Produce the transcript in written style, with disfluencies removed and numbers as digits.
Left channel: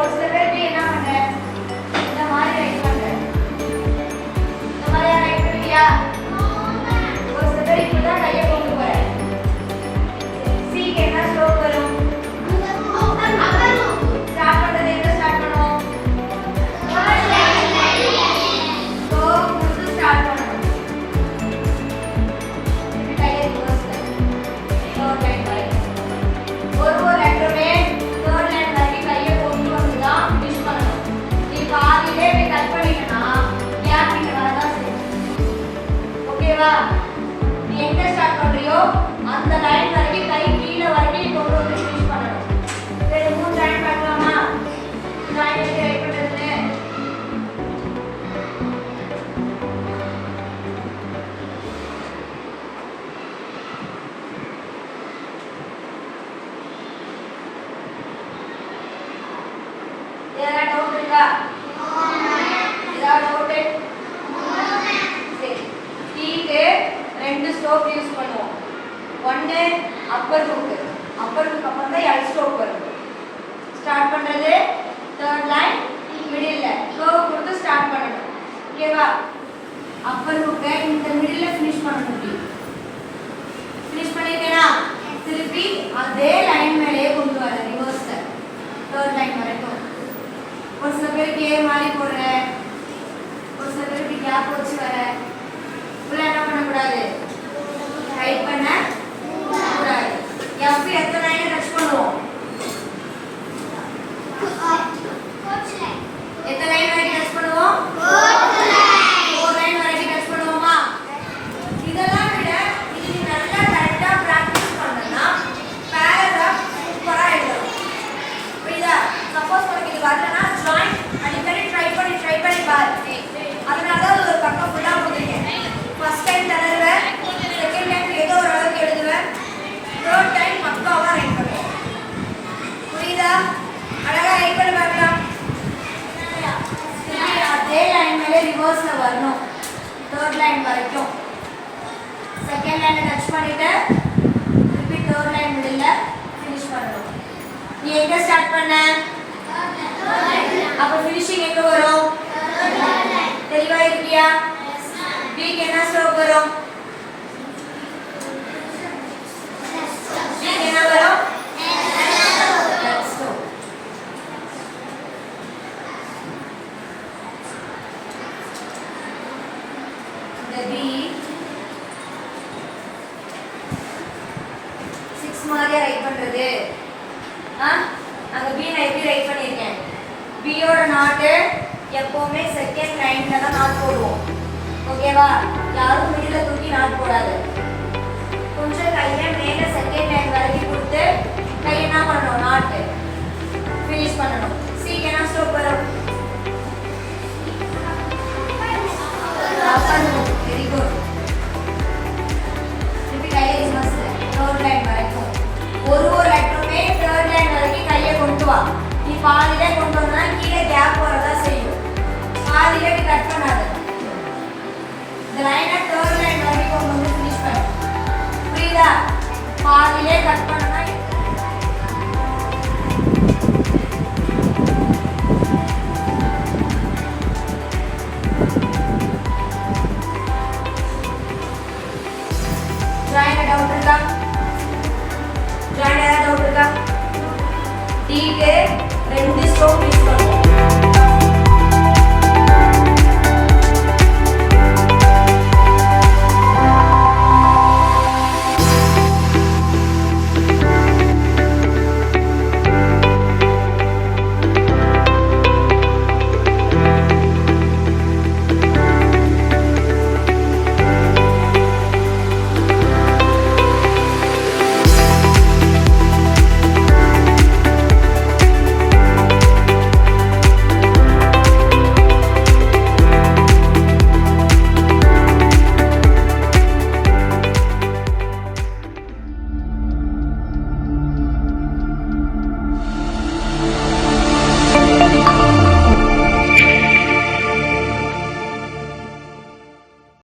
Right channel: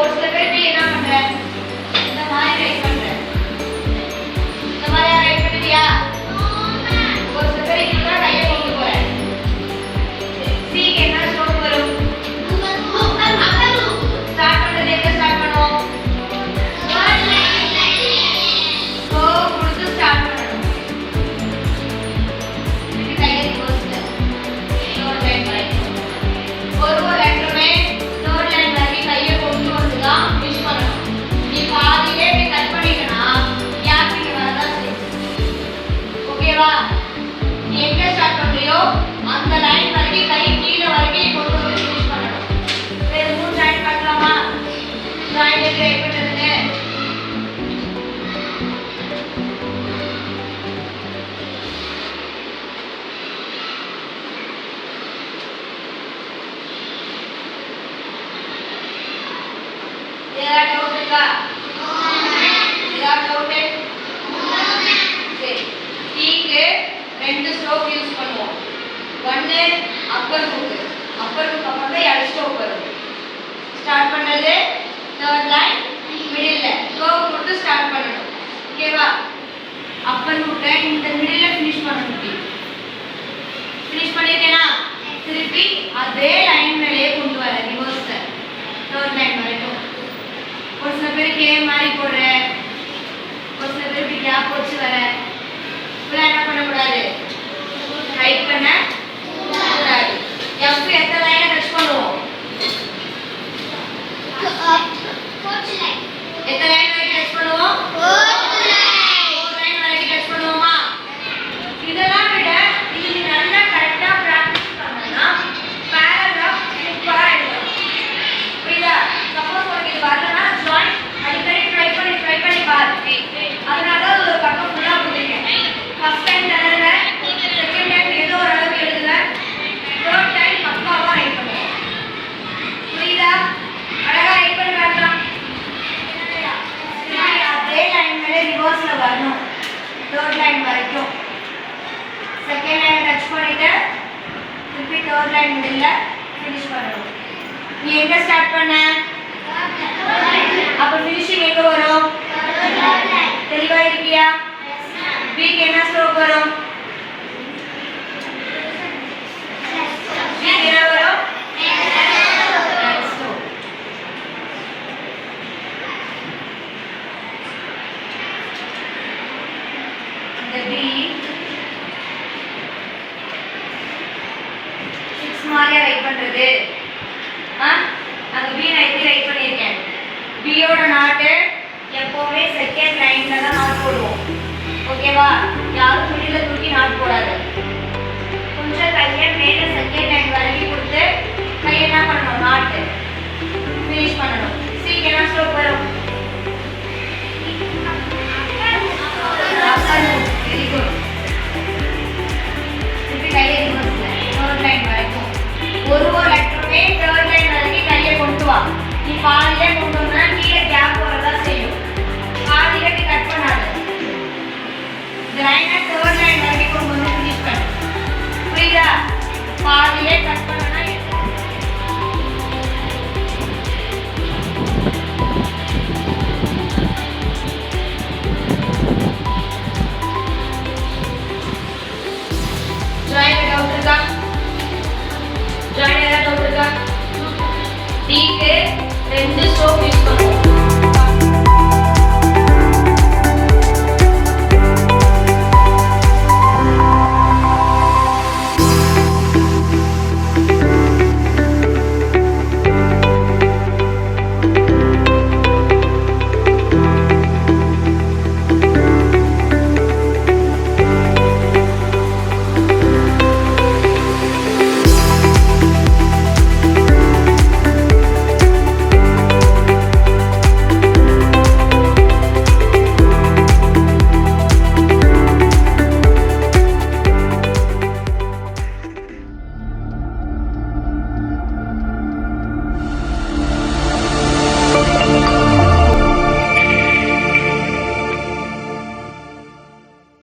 ஒரு சில பேர் என்ன பண்ற இந்த மாதிரி ரைட் பண்ற இந்த மாதிரி ரைட் பண்ணிட்டியா ஒரு சில பேர் இப்படிதான் கையை கொண்டு போற சீக்கு என்ன ஸ்ட்ரோக் வரும் ஸ்டார்ட் பண்றது எங்க ஸ்டார்ட் பண்ணுவோம் கோ கொடுத்து ஸ்டார்ட் பண்ணணும் இப்படி கையை ரிவர்ஸ் தேர்ட் லைன் வரைக்கும் ஒரு லெட்டருமே தேர்ட் லைன் வரைக்கும் கையை கொண்டு வந்து தான் ஃபினிஷ் பண்ணணும் நீ பாதியிலே இப்படி கட் பண்ணிட்டனா கேப் இங்க வரதான் செய்யும் ஓகேவா நீ எங்க ஸ்டார்ட் பண்றியோ அந்த லைன் வரைக்கும் கை கீழ வரைக்கும் கொண்டு வந்து ஃபினிஷ் பண்ணணும் சரி மூணு லைன் பார்க்கலாமா லைன் எப்படி ரைட் பண்றதுன்னு ஏதாவது டவுட் இருக்கா ஏதாவது டவுட் சரி டீக்கு ரெண்டு ஸ்ட்ரோக் யூஸ் பண்ணுவோம் ஒன்னு அப்பர் ஹுக் அப்புறம் தான் எல் ஸ்ட்ரோக் வரும் ஸ்டார்ட் பண்றது தேர்ட் லைன் மிடில்ல கர்வ் கொடுத்து ஸ்டார்ட் பண்ணணும் ஓகேவா அப்பர் ஹுக்கை இந்த மிடில்ல ஃபினிஷ் பண்ணணும் ஃபினிஷ் பண்ணிட்டேனா திருப்பி அதே லைன் மேலேயே கொண்டு வர ரிவர்ஸ்ல தேர்ட் லைன் வரைக்கும் ஒரு சில பேருக்கு ஏ மாதிரி போடுற ஒரு சில பேருக்கு கேப் வச்சு வர உள்ள என்ன பண்ணக்கூடாது ரைட் பண்ண கூடாது எஃப் எத்தனை லைனை டச் பண்ணுவோம் எத்தனை லைன் வரைக்கும் டச் பண்ணுவோம் ஃபோர் லைன் வரைக்கும் டச் பண்ணுவோமா இதெல்லாம் விட நீ நல்லா கரெக்டா பிராக்டிஸ் பண்ணனா பேராகிராஃப் சூப்பரா எழுதலாம் புரியுதா சப்போஸ் உங்களுக்கு இது வரலனா ஜாயின் அடிக்கடி ட்ரை பண்ணி பாரு அதனால ஒரு பக்கம் ஃபுல்லா கொடுத்துருக்கேன் ஃபர்ஸ்ட் டைம் தடவை செகண்ட் டைம் ஏதோ ஒரு அளவுக்கு எழுதுவேன் தேர்ட் டைம் பக்காவா ரைட் பண்ணுவேன் புரியுதா அழகா ரைட் பண்ணி பார்க்கலாம் அதே லைன் மேலே ரிவர்ஸ்ல வரணும் தேர்ட் லைன் வரைக்கும் செகண்ட் லைனை டச் பண்ணிட்டு திருப்பி தேர்ட் லைன் மிடில்ல ஃபினிஷ் பண்ணணும் நீ எங்க ஸ்டார்ட் பண்ண அப்ப ஃபினிஷிங் எங்க வரும் தெளிவா இருக்கியா பிக்கு என்ன ஸ்ட்ரோக் வரும் பிக்கு என்ன வரும் ஸ்ட்ரோக் இந்த பி 6 மாதிரியா ரைட் பண்றது அந்த பி நான் எப்படி ரைட் பண்ணியிருக்கேன் பியோட நாட்டு எப்பவுமே செகண்ட் லைன்ல தான் நாட் போடுவோம் ஓகேவா யாரும் மிடில்ல தூக்கி நாட் போடாது கொஞ்சம் கையை மேலே செகண்ட் லைன் வரைக்கும் கொடுத்து கையை என்ன பண்ணணும் நாட்டு ஃபினிஷ் பண்ணணும் சீக்கு என்ன ஸ்ட்ரோக் வரும் வெரி குட் திருப்பி கையை ரிவர்ஸ்ல தேர்ட் லைன் வரைக்கும் ஒரு லெட்டருமே தேர்ட் லைன் வரைக்கும் கையை கொண்டு வா நீ பாதியிலே கொண்டு வந்தா கீழே கேப் வரதா செய்யும் பாதியிலே நீ கட் பண்ணாத இந்த லைனை தேர்ட் லைன் வரைக்கும் கொண்டு வந்து ஃபினிஷ் பண்ணு புரியுதா பாதியிலே கட் பண்ணனா ஜாயின் டவுட் இருக்கா ஜாயின் டவுட் இருக்கா டீக்கு ரெண்டு ஸ்ட்ரோக் யூஸ்